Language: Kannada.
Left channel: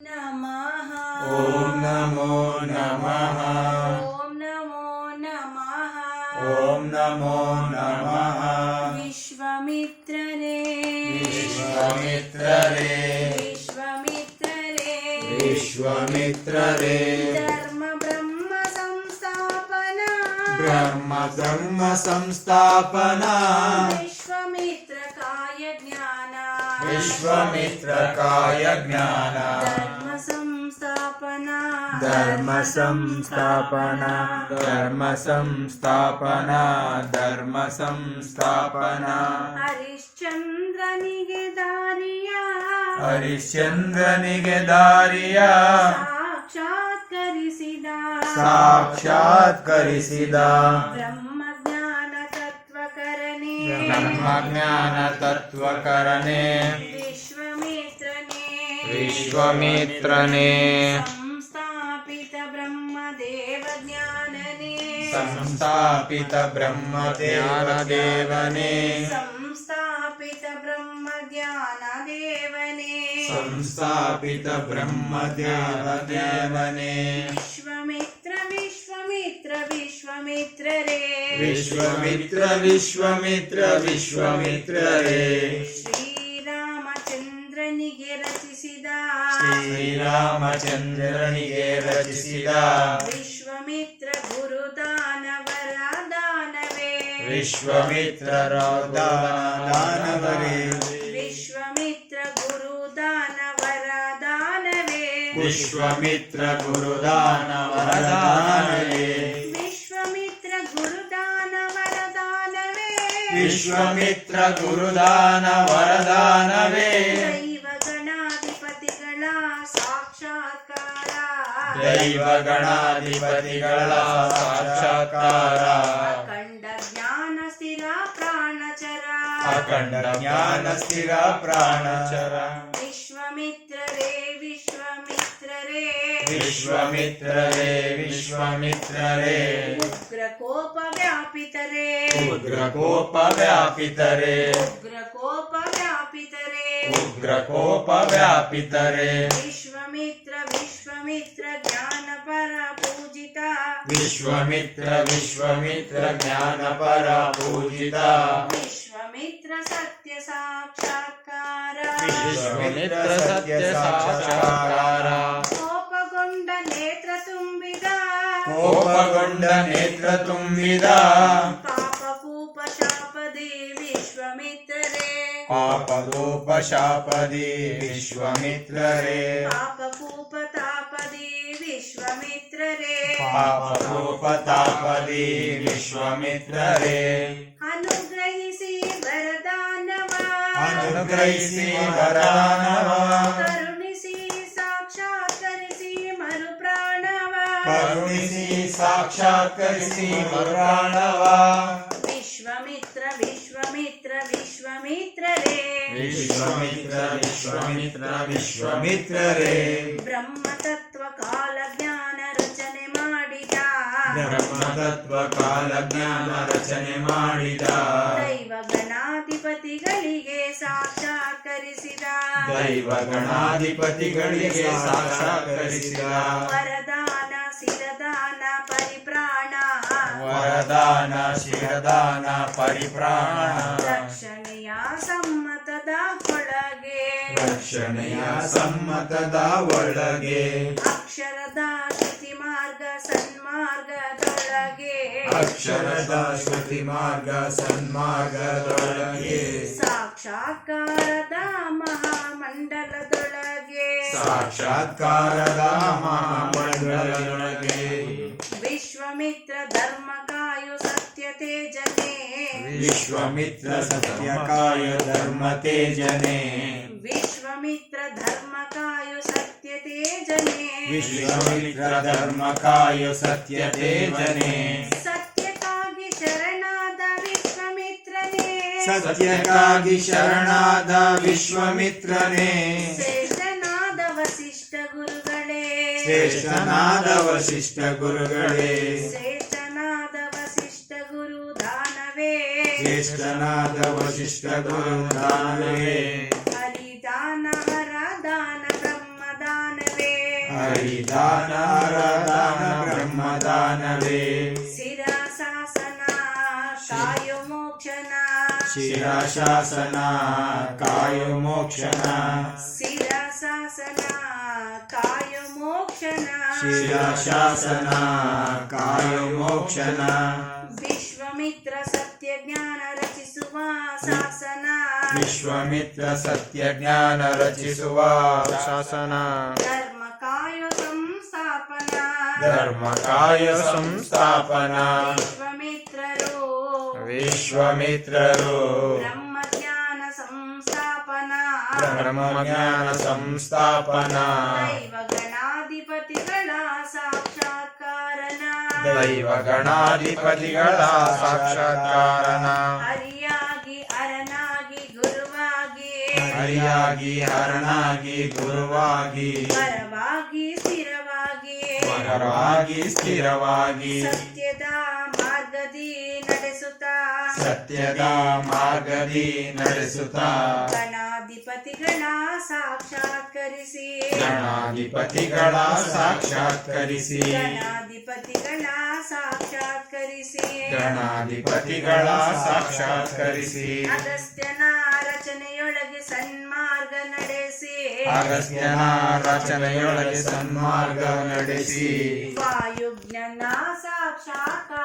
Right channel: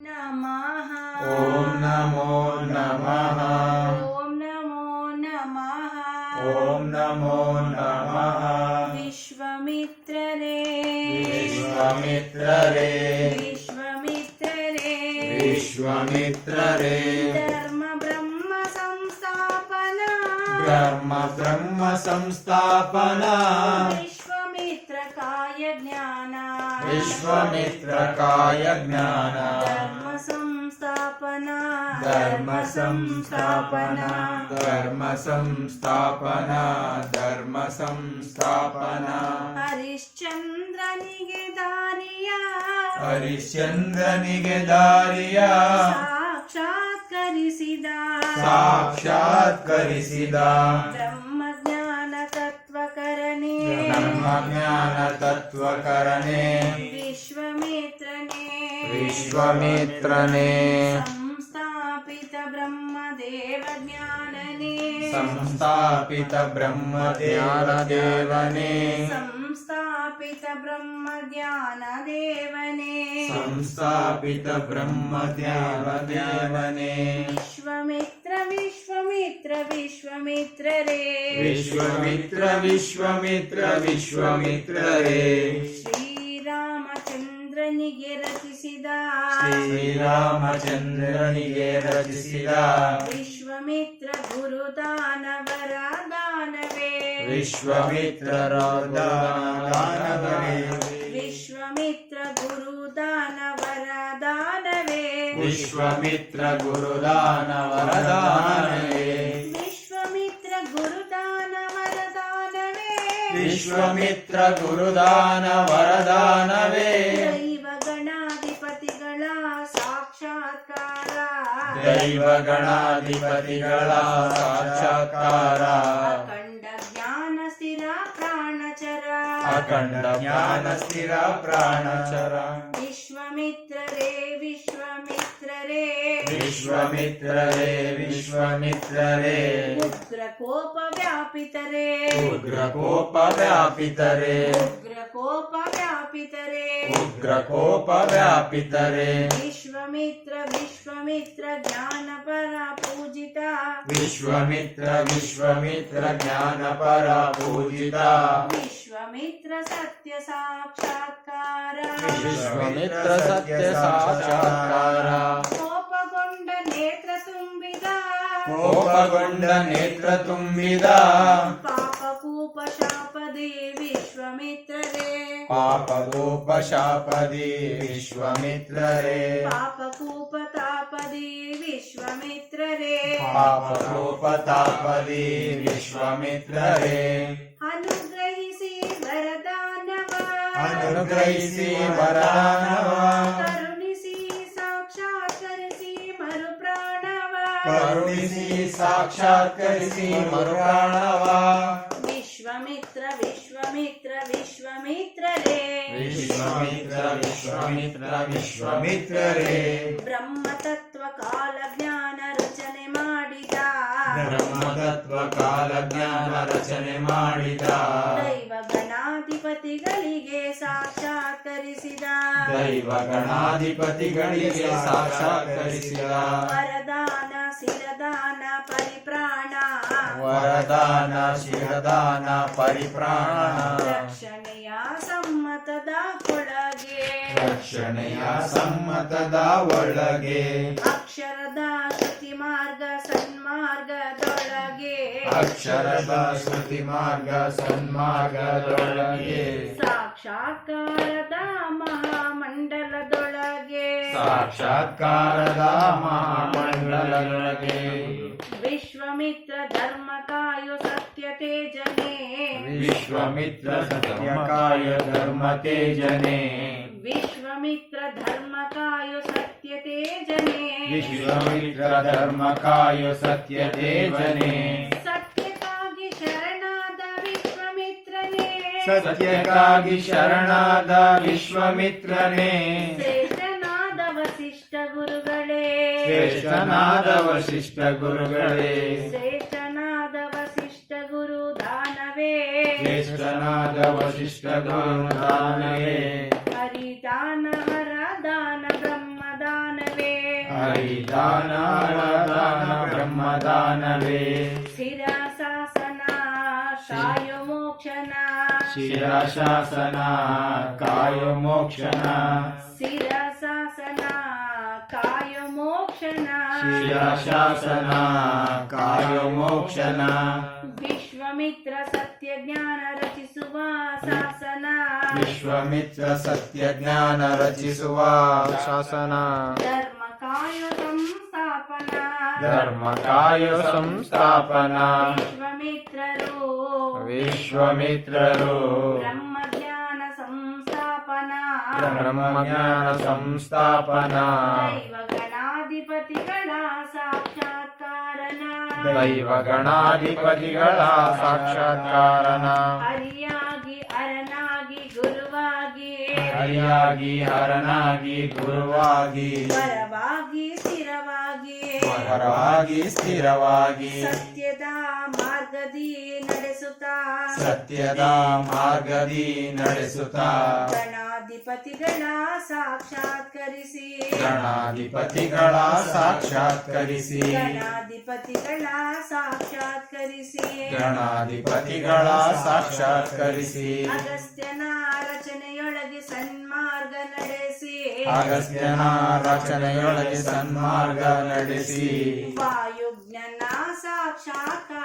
नमः ॐ नमो नमः ॐ नमो नमः ॐ नमो नमः विश्वमित्ररे विश्वमित्ररे विश्वमित्ररे विश्वमित्ररे धर्म ब्रह्म संस्थापना ब्रह्म संस्थापना विश्वमित्रकाय ज्ञान विश्वमित्रकाय ज्ञान धर्म संस्थापना धर्म संस्थापना धर्म संस्थापना धर्म संस्थापना हरिश्चंद्रनिगे दारिया हरिश्चंद्रनिगे दारिಯ ಸಾಕ್ಷಾತ್ಕರಿಸಿದ ಬ್ರಹ್ಮಜ್ಞಾನ ತತ್ವಕರಣೆ ಬ್ರಹ್ಮಜ್ಞಾನ ತತ್ವಕರಣೆ ವಿಶ್ವಮಿತ್ರನೇ ಸಂಸ್ಥಾಪಿತ ಬ್ರಹ್ಮದೇವಜ್ಞಾನನೇ ಸಂಸ್ಥಾಪಿತ ಬ್ರಹ್ಮಜ್ಞಾನದೇವನೇ ಸಂಸ್ಥಾಪಿತ ಬ್ರಹ್ಮಜ್ಞಾನದೇವನೇ ಸಂಸ್ಥಾಪಿತ ಬ್ರಹ್ಮಜ್ಞಾನದೇವನೇ ವಿಶ್ವಮಿತ್ರ ವಿಶ್ವಮಿತ್ರ ವಿಶ್ವಮಿತ್ರರೇ ವಿಶ್ವಮಿತ್ರ ವಿಶ್ವಮಿತ್ರ ವಿಶ್ವಮಿತ್ರರೇ ಶ್ರೀರಾಮಚಂದ್ರನಿಗೆ ರಚಿಸಿದ ಶ್ರೀರಾಮಚಂದ್ರನಿಗೆ ರಚಿಸಿದ ವಿಶ್ವಮಿತ್ರ ಗುರುದಾನವರ ದಾನವೇ ವಿಶ್ವಮಿತ್ರರ ದಾನವೇ ವಿಶ್ವಮಿತ್ರ ಗುರುದಾನವರ ದಾನವೇ ವಿಶ್ವಮಿತ್ರ ಗುರುದಾನವರ ದಾನವೇ ವಿಶ್ವಮಿತ್ರ ಗುರುದಾನವರ ದಾನವೇ ವಿಶ್ವಮಿತ್ರ ಗುರುದಾನವರ ದಾನವೇ ದೈವಗಣಾಧಿಪತಿಗಳ ಸಾಕ್ಷಾತ್ಕಾರ ದೈವಗಣಾಧಿಪತಿಗಳ ಸಾಕ್ಷಾತ್ಕಾರ ಅಖಂಡ ಜ್ಞಾನ ಸ್ಥಿರ ಪ್ರಾಣಚರ ಅಖಂಡ ಜ್ಞಾನ ಸ್ಥಿರ ಪ್ರಾಣಚರ ವಿಶ್ವಮಿತ್ರರೇ ವಿಶ್ವಮಿತ್ರರೇ ವಿಶ್ವಮಿತ್ರರೇ ವಿಶ್ವಮಿತ್ರರೇ ಉಗ್ರಕೋಪ ವ್ಯಾಪಿತರೇ ಉಗ್ರಕೋಪ ವ್ಯಾಪಿತರೆ ಉಗ್ರಕೋಪ ವ್ಯಾಪಿತರೇ ಉಗ್ರಕೋಪ ವ್ಯಾಪಿತರೆ ವಿಶ್ವಮಿತ್ರ ವಿಶ್ವಮಿತ್ರ ಜ್ಞಾನಪರ ಪೂಜಿತ ವಿಶ್ವಮಿತ್ರ ವಿಶ್ವಮಿತ್ರ ಜ್ಞಾನಪರ ಪೂಜಿತ ವಿಶ್ವಮಿತ್ರ ಸತ್ಯ ಸಾಕ್ಷಾತ್ಕಾರ ವಿಶ್ವಮಿತ್ರ ಸತ್ಯ ಸಾಕ್ಷಾತ್ಕಾರ ಕೋಪಗೊಂಡ ನೇತ್ರ ತುಂಬಿದ ಕೋಪಗೊಂಡ ನೇತ್ರ ತುಂಬಿದ ಪಾಪಕೂಪ ಶಾಪದಿ ವಿಶ್ವಮಿತ್ರರೇ ಪಾಪಗೋಪ ಶಾಪದಿ ವಿಶ್ವಮಿತ್ರರೇ ಪಾಪಕೂಪ ತಾಪದಿ ವಿಶ್ವಮಿತ್ರರೇ ಪಾಪಗೋಪ ತಾಪದಿ ವಿಶ್ವಮಿತ್ರರೇ ಅನುಗ್ರಹಿಸಿ ವರದಾನವ ಅನುಗ್ರಹಿಸಿ ವರದಾನವ ಕರುಣಿಸಿ ಸಾಕ್ಷಾತ್ಕರಿಸಿ ಮರುಪ್ರಾಣವ ಕರುಣಿಸಿ ಸಾಕ್ಷಾತ್ಕರಿಸಿ ಮರುಪ್ರಾಣವ ವಿಶ್ವಮಿತ್ರ ವಿಶ್ವಮಿತ್ರ ವಿಶ್ವಮಿತ್ರರೇ ವಿಶ್ವಮಿತ್ರ ವಿಶ್ವಮಿತ್ರ ವಿಶ್ವಮಿತ್ರರೇ ಬ್ರಹ್ಮತತ್ವ ಕಾಲ ಜ್ಞಾನ ರಚನೆ ಮಾಡಿದ ಬ್ರಹ್ಮತತ್ವ ಕಾಲ ಜ್ಞಾನ ರಚನೆ ಮಾಡಿದ ದೈವಗಣಾಧಿಪತಿಗಳಿಗೆ ಸಾಕ್ಷಾತ್ಕರಿಸಿದ ದೈವಗಣಾಧಿಪತಿಗಳಿಗೆ ಸಾಕ್ಷಾತ್ಕರಿಸಿದ ವರದಾನ ಶಿರದಾನ ಪರಿಪ್ರಾಣ ವರದಾನ ಶಿರದಾನ ಪರಿಪ್ರಾಣ ರಕ್ಷಣೆಯ ಸಮ್ಮತದ ಒಳಗೆ ರಕ್ಷಣೆಯ ಸಮ್ಮತದ ಒಳಗೆ ಅಕ್ಷರದ ಶ್ರುತಿ ಮಾರ್ಗ ಸನ್ಮಾರ್ಗದೊಳಗೆ ಅಕ್ಷರದ ಶ್ರುತಿ ಮಾರ್ಗ ಸನ್ಮಾರ್ಗದೊಳಗೆ ಸಾಕ್ಷಾತ್ಕಾರದ ಮಹಾಮಂಡಲದೊಳಗೆ ಸಾಕ್ಷಾತ್ಕಾರದ ಮಹಾಮಂಡಲದೊಳಗೆ ವಿಶ್ವಮಿತ್ರ ಧರ್ಮ ಕಾಯು ಸತ್ಯ ತೇಜನೆ ವಿಶ್ವಮಿತ್ರ ಸತ್ಯಕಾಯ ಧರ್ಮ ತೇಜನೆ ವಿಶ್ವಮಿತ್ರ ಧರ್ಮ ಕಾಯು ಸತ್ಯ ತೇಜನೆ ವಿಶ್ವಮಿತ್ರ ಧರ್ಮ ಕಾಯ ಸತ್ಯ ತೇಜನೆ ಸತ್ಯಕ್ಕಾಗಿ ಶರಣಾದ ವಿಶ್ವಮಿತ್ರನೇ ಸತ್ಯಕ್ಕಾಗಿ ಶರಣಾದ ವಿಶ್ವಮಿತ್ರನೇ ಶ್ರೇಷ್ಠನಾದ ವಸಿಷ್ಠ ಗುರುಗಳೇ ಶ್ರೇಷ್ಠನಾದ ವಸಿಷ್ಠ ಗುರುಗಳೇ ಶ್ರೇಷ್ಠನಾದ ವಸಿಷ್ಠ ಗುರು ದಾನವೇ ಶ್ರೇಷ್ಠನಾದ ವಸಿಷ್ಠ ಗುರು ದಾನವೇ ಹರಿದಾನ ಹರ ದಾನ ಬ್ರಹ್ಮದಾನ ಹರಿದಾನ ವರದಾನ ಬ್ರಹ್ಮದಾನವೇ ಶಿರಶಾಸನ ಕಾಯ ಮೋಕ್ಷನ ಶಿರಶಾಸನ ಕಾಯ ಮೋಕ್ಷನ ಶಿರಶಾಸನ ಕಾಯ ಮೋಕ್ಷನ ಶಿರಶಾಸನ ಕಾಯ ಮೋಕ್ಷನ ವಿಶ್ವಮಿತ್ರ ಸತ್ಯ ಜ್ಞಾನ ರಚಿಸುವ ಶಾಸನ ವಿಶ್ವಮಿತ್ರ ಸತ್ಯ ಜ್ಞಾನ ರಚಿಸುವ ಶಾಸನ ಧರ್ಮ ಕಾಯ ಸಂಸ್ಥಾಪನ ಧರ್ಮ ಕಾಯ ಸಂಸ್ಥಾಪನ ವಿಶ್ವಮಿತ್ರರು ವಿಶ್ವಮಿತ್ರರು ಬ್ರಹ್ಮಜ್ಞಾನ ಸಂಸ್ಥಾಪನ ಬ್ರಹ್ಮಜ್ಞಾನ ಸಂಸ್ಥಾಪನ ದೈವಗಣಾಧಿಪತಿಗಳ ಸಾಕ್ಷಾತ್ಕಾರನ ದೈವ ಗಣಾಧಿಪತಿಗಳ ಸಾಕ್ಷಾತ್ಕಾರನ ಹರಿಯಾಗಿ ಅರನಾಗಿ ಗುರುವಾಗಿ ಹರಿಯಾಗಿ ಹರನಾಗಿ ಗುರುವಾಗಿ ಪರವಾಗಿ ಸ್ಥಿರವಾಗಿ ಪರವಾಗಿ ಸ್ಥಿರವಾಗಿ ಸತ್ಯದ ಮಾರ್ಗದಿ ನಡೆಸುತ್ತಾ ಸತ್ಯದ ಮಾರ್ಗದಿ ನಡೆಸುತ್ತಾ ಗಣಾಧಿಪತಿಗಳ ಸಾಕ್ಷಾತ್ಕರಿಸಿ ಗಣಾಧಿಪತಿಗಳ ಸಾಕ್ಷಾತ್ಕರಿಸಿ ಗಣಾಧಿಪತಿಗಳ ಸಾಕ್ಷಾತ್ಕರಿಸಿ ಗಣಾಧಿಪತಿಗಳ ಸಾಕ್ಷಾತ್ಕರಿಸಿ ಅಗಸ್ತ್ಯನ ರಚನೆಯೊಳಗೆ ಸನ್ಮಾರ್ಗ ನಡೆಸಿ ಅಗಸ್ತ್ಯನ ರಚನೆಯೊಳಗೆ ಸನ್ಮಾರ್ಗ ನಡೆಸಿ ವಾಯುಜ್ಞನ ಸಾಕ್ಷಾತ್ಕಾರ